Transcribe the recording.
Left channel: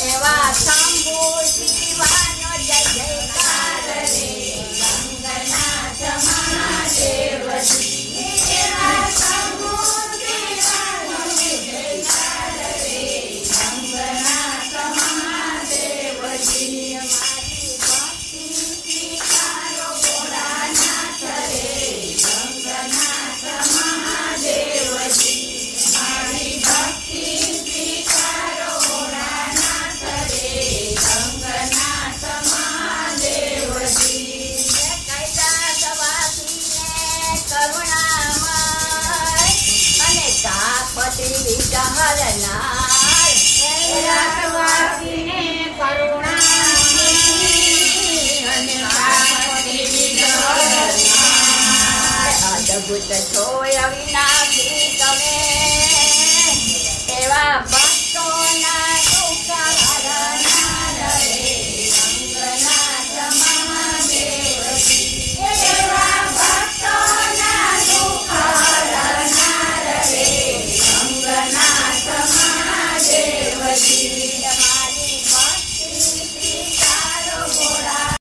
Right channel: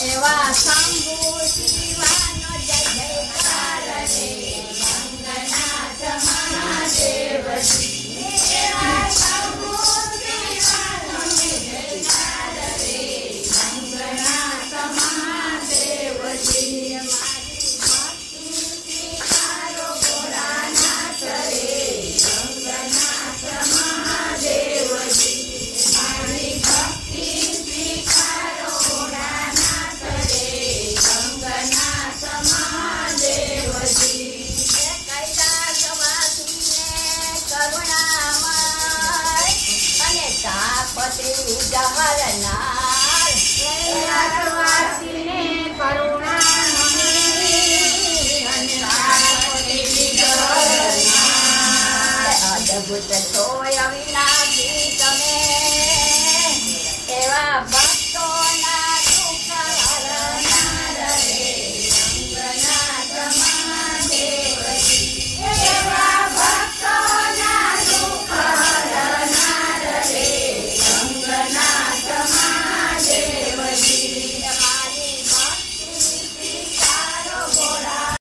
એવા શંભુ શિવાનો જય જયકાર રે ગંગનાથ મહાદેવજી એવા શંભુ શિવાનો જય જયકાર રે ગંગનાથ મહાદેવજી મારી ભક્તિ સ્વીકારો ભોળાનાથ રે ગંગનાથ મહાદેવજી મારી ભક્તિ જહરનાર કૈલાસવાસીને કરુણામણી અને અદ્ભુત છો અવિનાશી તમે એવા